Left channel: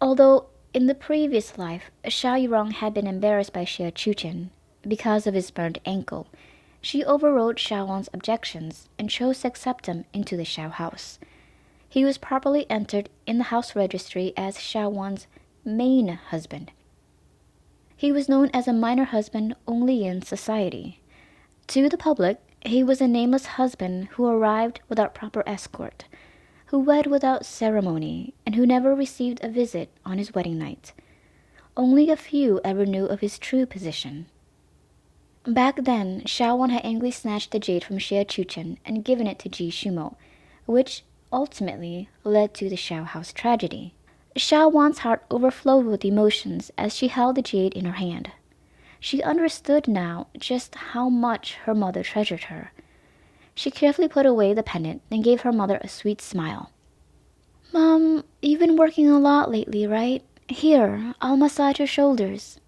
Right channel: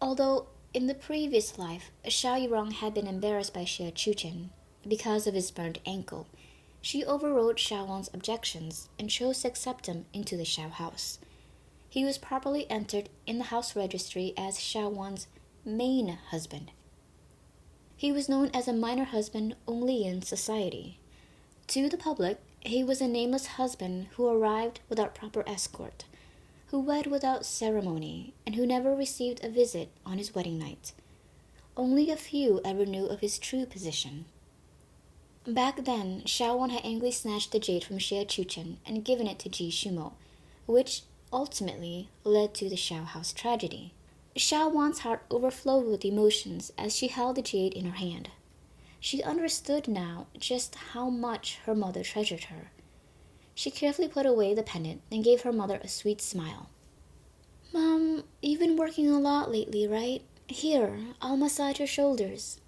Although in the previous life, Xiao Yurong had been embarrassed by Xie Chuchen because of his burned ankle, she overrode Xiao Wan's objections and chose to accept him into the Xiao house. He was properly entered in the house registry as Xiao Wan's main husband. He was known as a minor husband only in society. To the public, he was a nameless husband who arrived without proper escort, who wed without ceremony, and who never received a visit on his wedding night. Only a few ever knew of his true position. Back then, Xiao Wan had angrily snatched the jade from Xie Chuchen and given it to Ji Shumo, which ultimately led to the Xiao House tragedy. Xiao Wan's heart overflowed with emotions as she held the jade in her hand. She understood now just how much her mother treasured her. She carefully put away the pendant and gave her mother a sweet smile. "Mom, you've been working a lot lately, right? Here, I'll massage your shoulders."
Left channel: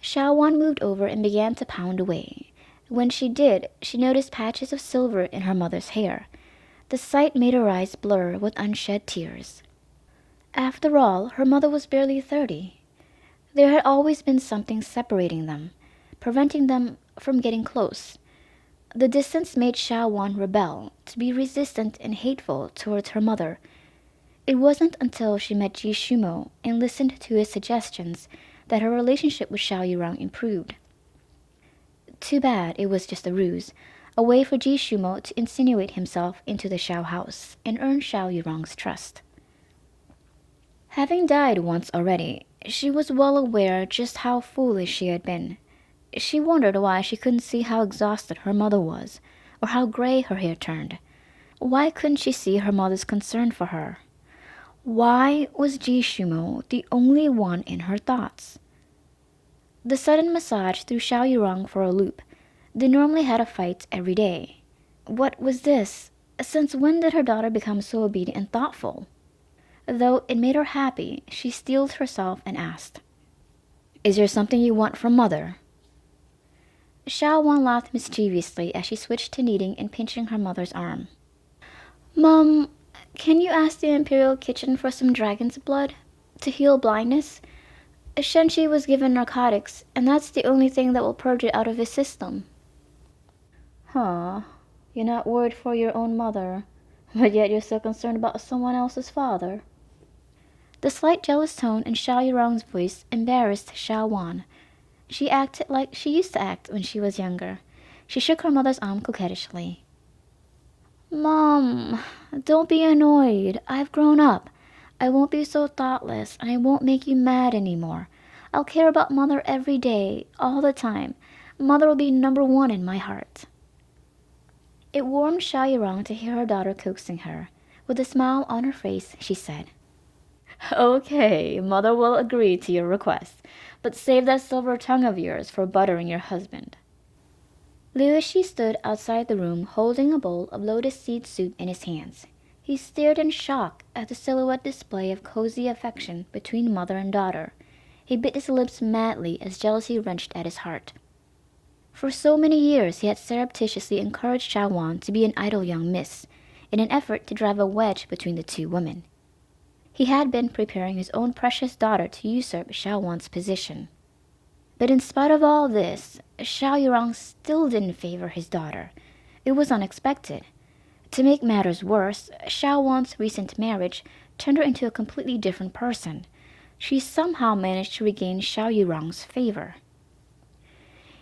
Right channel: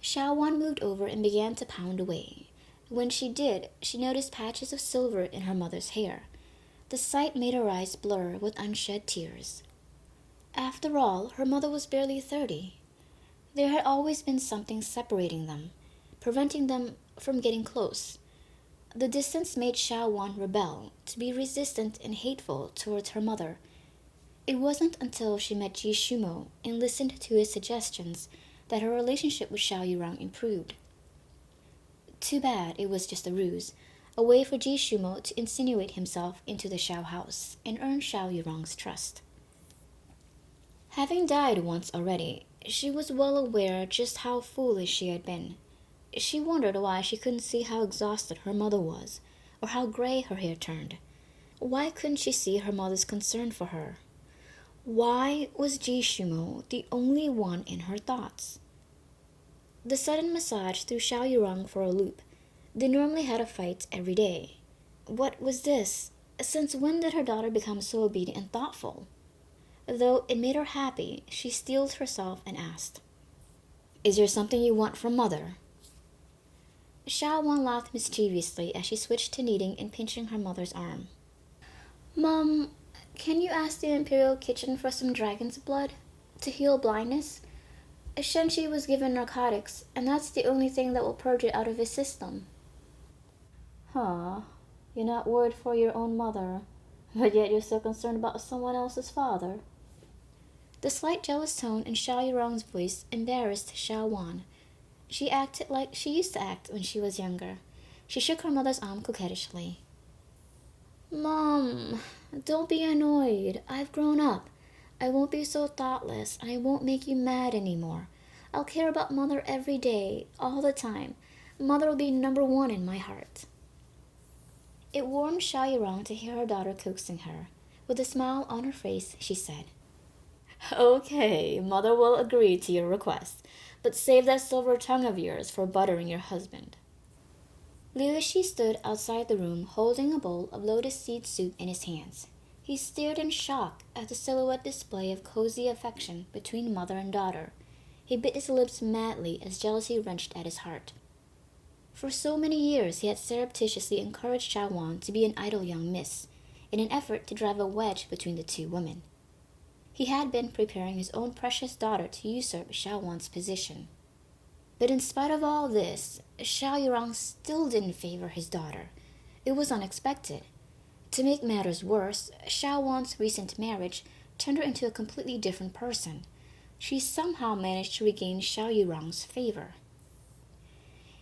Xiao Wan moved over and began to pound away. When she did, she noticed patches of silver in her mother's hair. The sight made her eyes blur with unshed tears. After all, her mother was barely 30. There had always been something separating them, preventing them from getting close. The distance made Xiao Wan rebel, to be resistant and hateful towards her mother. It wasn't until she met Ji Shumo and listened to his suggestions that her relationship with Xiao Yurong improved. Too bad it was just a ruse, a way for Ji Shumo to insinuate himself into the Xiao house and earn Xiao Yurong's trust. Having died once already, she was well aware just how foolish she had been. She wondered why she couldn't see how exhausted her mother was, or how gray her hair turned. Why couldn't she see her mother's concern for her? Why was Ji Shumo the only one in her thoughts? The sudden massage threw Xiao Yurong for a loop. They normally had a fight every day. What was this? Since when did her daughter become so obedient and thoughtful? Though it made her happy, she steeled herself and asked, "Is there something you want from mother?" Xiao Wan laughed mischievously as she switched to kneading and pinching her mother's arm. "Mom, can you ask the Imperial Kitchen for some dragon's blood to heal blindness? Shenchi was given narcotics, and that's the only thing that will purge it out of his system." "Huh, you're not worried for your own mother, but yet you're so concerned about someone else's father." The slight jealous tone in Xiao Yurong's voice embarrassed Xiao Wan. She acted like she used to act when she was younger. She shook her mother's arm coquettishly. "Mom, don't be annoyed. I've grown up. I won't be so thoughtless, and I won't make you mad anymore. I'll care about Mother every day, all the time. Mother will be number one in my heart." It warmed Xiao Yurong to hear her daughter coaxing her. With a smile on her face, she said, "Okay, Mother will agree to your request, but save that silver tongue of yours for buttering your husband." Liu Shi stood outside the room holding a bowl of lotus seed soup in his hands. He stared in shock at the silhouette display of cozy affection between mother and daughter. He bit his lips madly as jealousy wrenched at his heart. For so many years he had surreptitiously encouraged Xiao Wan to be an idle young miss, in an effort to drive a wedge between the two women. He had been preparing his own precious daughter to usurp Xiao Wan's position. But in spite of all this, Xiao Yurong still didn't favor his daughter. It was unexpected. To make matters worse, Xiao Wan's recent marriage turned her into a completely different person. She somehow managed to regain Xiao Yurong's favor.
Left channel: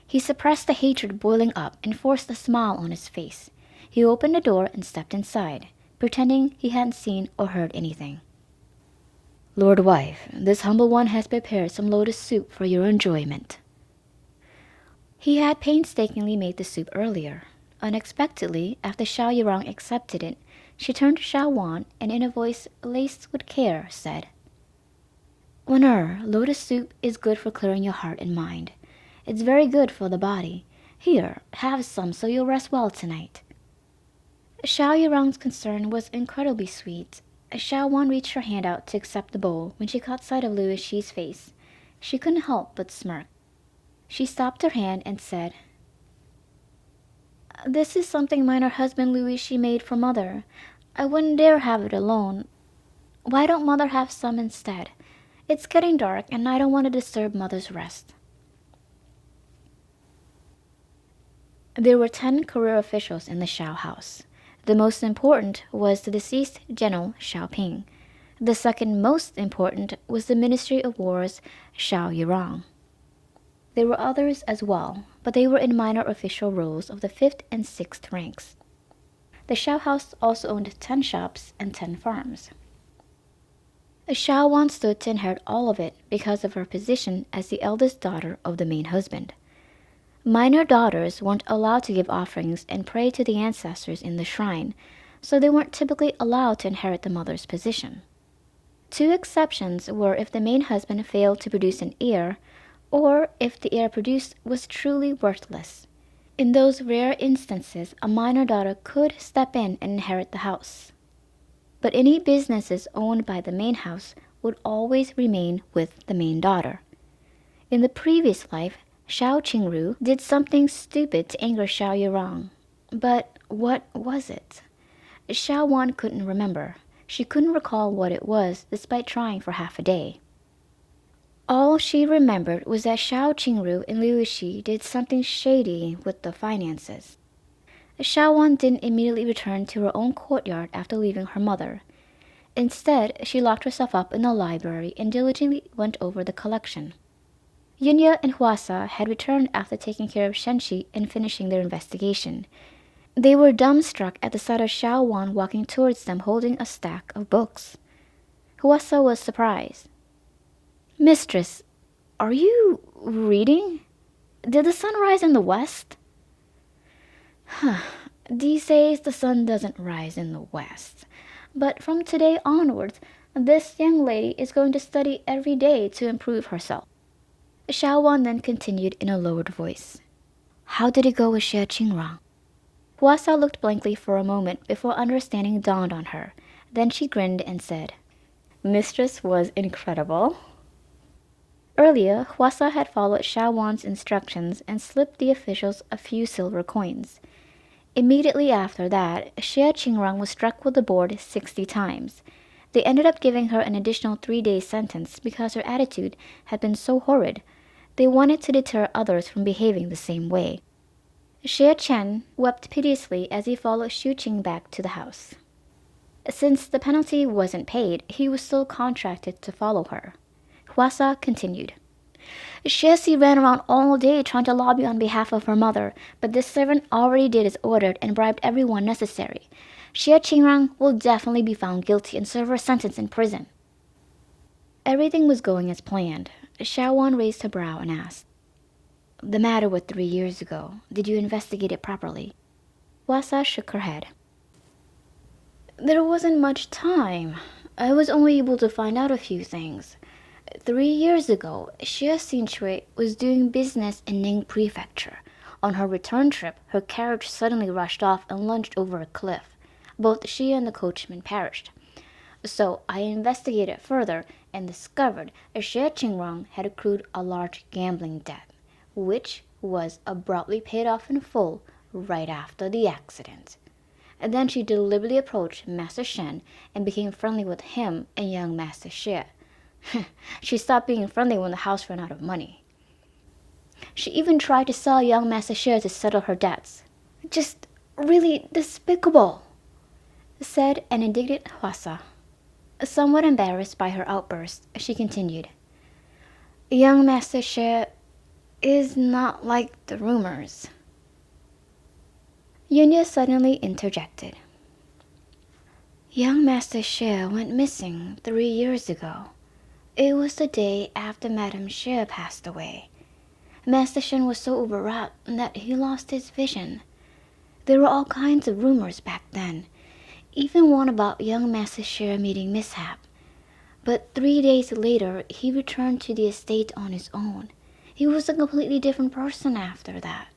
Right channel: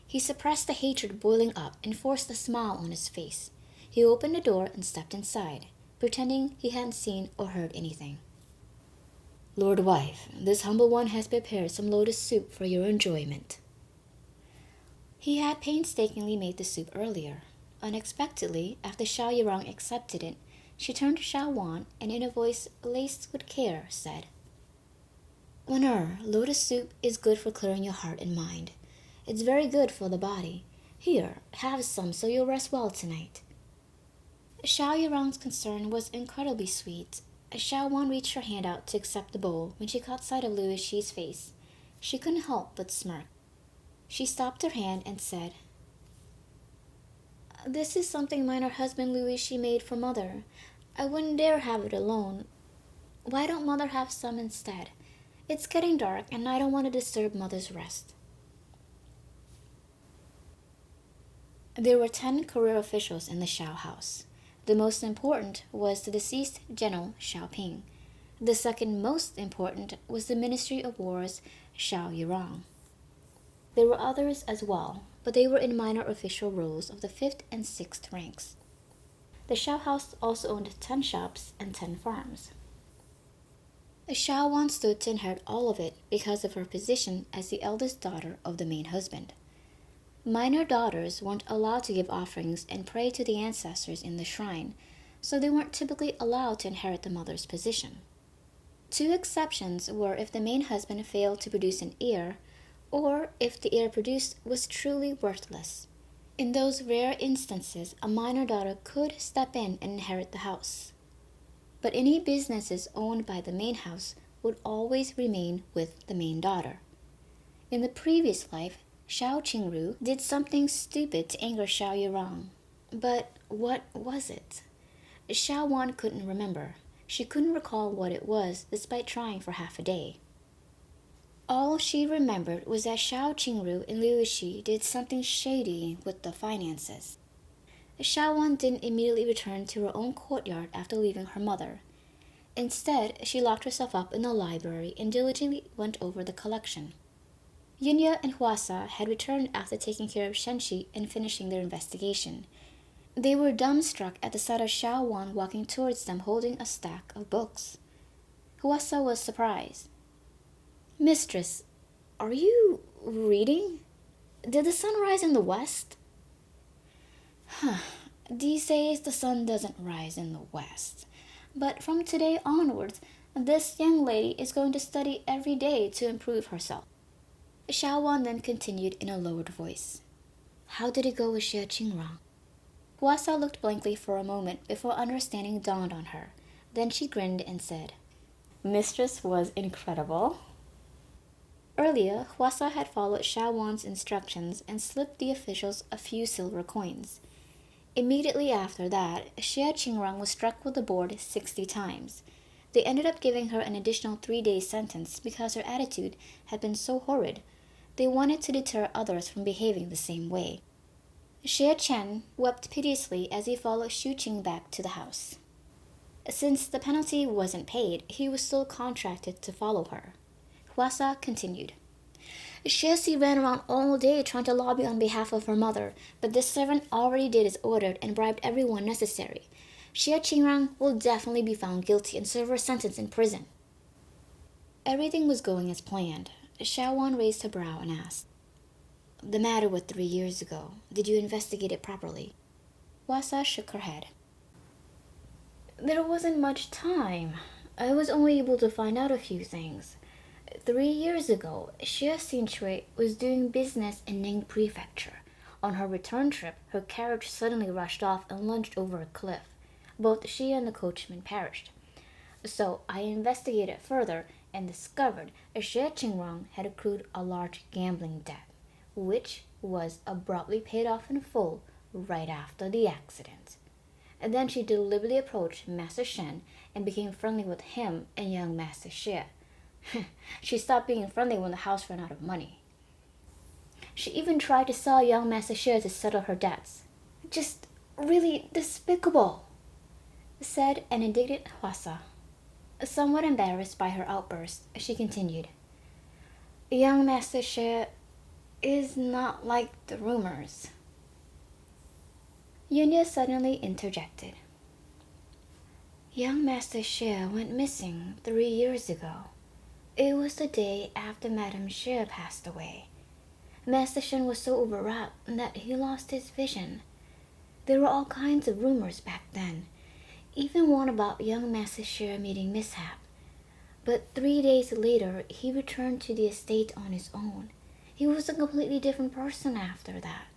He suppressed the hatred boiling up and forced a smile on his face. He opened the door and stepped inside, pretending he hadn't seen or heard anything. "Lord wife, this humble one has prepared some lotus soup for your enjoyment." He had painstakingly made the soup earlier. Unexpectedly, after Xiao Yurong accepted it, she turned to Xiao Wan and in a voice laced with care said, "Wen'er, lotus soup is good for clearing your heart and mind. It's very good for the body. Here, have some so you'll rest well tonight." Xiao Yurong's concern was incredibly sweet. Xiao Wan reached her hand out to accept the bowl when she caught sight of Liu Shi's face. She couldn't help but smirk. She stopped her hand and said, "This is something minor husband Liu Shi made for Mother. I wouldn't dare have it alone. Why don't Mother have some instead? It's getting dark and I don't want to disturb Mother's rest. There were 10 career officials in the Shao house. The most important was the deceased General Xiaoping. The second most important was the Ministry of War's Xiao Yirong. There were others as well, but they were in minor official roles of the 5th and 6th ranks. The Shao house also owned 10 shops and 10 farms. Shao Wan stood to inherit all of it because of her position as the eldest daughter of the main husband. Minor daughters weren't allowed to give offerings and pray to the ancestors in the shrine, so they weren't typically allowed to inherit the mother's position. 2 exceptions were if the main husband failed to produce an heir, or if the heir produced was truly worthless. In those rare instances, a minor daughter could step in and inherit the house. But any businesses owned by the main house would always remain with the main daughter. In the previous life, Shao Qingru did something stupid to anger Xiao Yirong. But what was it? Xiao Wan couldn't remember. She couldn't recall what it was, despite trying for half a day. All she remembered was that Shao Qingru and Liu Shi did something shady with the finances. Xiao Wan didn't immediately return to her own courtyard after leaving her mother. Instead, she locked herself up in the library and diligently went over the collection. Yunya and Huasa had returned after taking care of Shenshi and finishing their investigation. They were dumbstruck at the sight of Xiao Wan walking towards them holding a stack of books. Huasa was surprised. "Mistress, are you reading? Did the sun rise in the west?" "These days the sun doesn't rise in the west. But from today onwards, this young lady is going to study every day to improve herself." Xiao Wan then continued in a lowered voice. "How did it go with Xie Qingrang?" Huasa looked blankly for a moment before understanding dawned on her. Then she grinned and said, "Mistress was incredible." Earlier, Huasa had followed Xiao Wan's instructions and slipped the officials a few silver coins. Immediately after that, Xie Qingrang was struck with the board 60 times. They ended up giving her an additional 3-day sentence because her attitude had been so horrid. They wanted to deter others from behaving the same way. Xie Chen wept piteously as he followed Xu Qing back to the house. Since the penalty wasn't paid, he was still contracted to follow her. Huasa continued. "Xie ran around all day trying to lobby on behalf of her mother, but this servant already did as ordered and bribed everyone necessary. Xie Qingrang will definitely be found guilty and serve her sentence in prison." Everything was going as planned. Xiao Wan raised her brow and asked, "The matter with 3 years ago, did you investigate it properly?" Huasa shook her head. "There wasn't much time. I was only able to find out a few things. 3 years ago, Xie Xinhui was doing business in Ning Prefecture. On her return trip, her carriage suddenly rushed off and lunged over a cliff. Both she and the coachman perished. So I investigated further and discovered Xie Qingrang had accrued a large gambling debt, which was abruptly paid off in full right after the accident. And then she deliberately approached Master Shen and became friendly with him and young Master Xie. She stopped being friendly when the house ran out of money. She even tried to sell young Master Xie to settle her debts. Just really despicable," said an indignant Huasa. Somewhat embarrassed by her outburst, she continued, "Young Master Xie is not like the rumors." Yunya suddenly interjected. "Young Master Xie went missing 3 years ago. It was the day after Madame Xie passed away. Master Shen was so overwrought that he lost his vision. There were all kinds of rumors back then, even one about young Master Xie meeting mishap. But 3 days later, he returned to the estate on his own. He was a completely different person after that."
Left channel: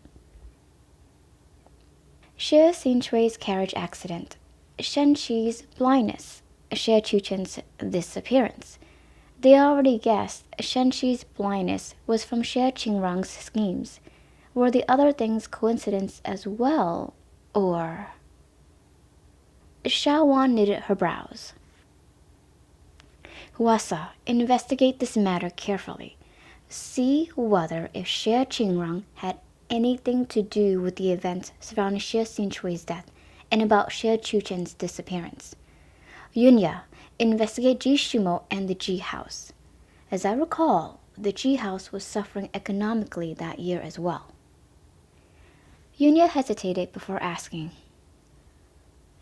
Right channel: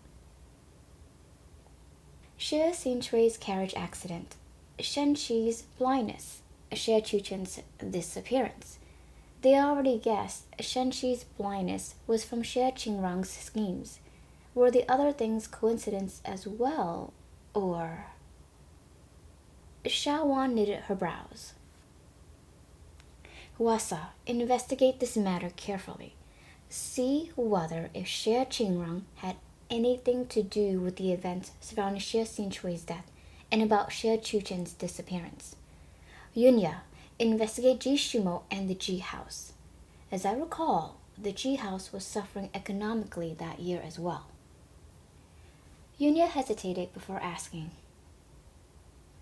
Xie Xinchui's carriage accident, Shen Shi's blindness, Xie Chuchen's disappearance. They already guessed Shen Shi's blindness was from Xie Qingrang's schemes. Were the other things coincidence as well, or... Xiao Wan knitted her brows. Huasa, investigate this matter carefully. See whether if Xie Qingrang had anything to do with the events surrounding Xie Xinchui's death and about Xie Chuchen's disappearance. Yunya, investigate Ji Shumo and the Ji House. As I recall, the Ji House was suffering economically that year as well. Yunya hesitated before asking,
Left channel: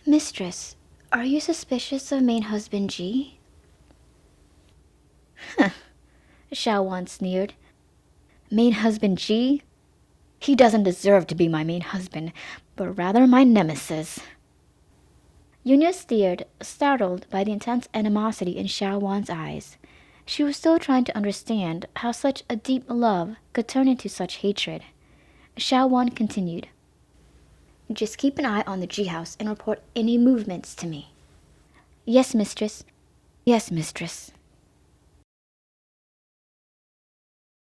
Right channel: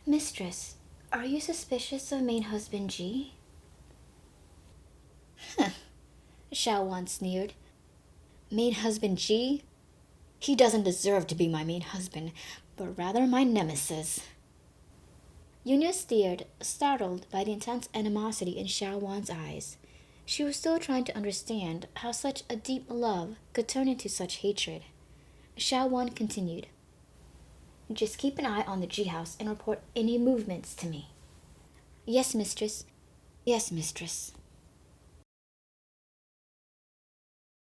Mistress, are you suspicious of main husband Ji? Xiao Wan sneered. Main husband Ji? He doesn't deserve to be my main husband, but rather my nemesis. Yunya stared, startled by the intense animosity in Xiao Wan's eyes. She was still trying to understand how such a deep love could turn into such hatred. Xiao Wan continued, Just keep an eye on the Ji House and report any movements to me. Yes, mistress. Yes, mistress.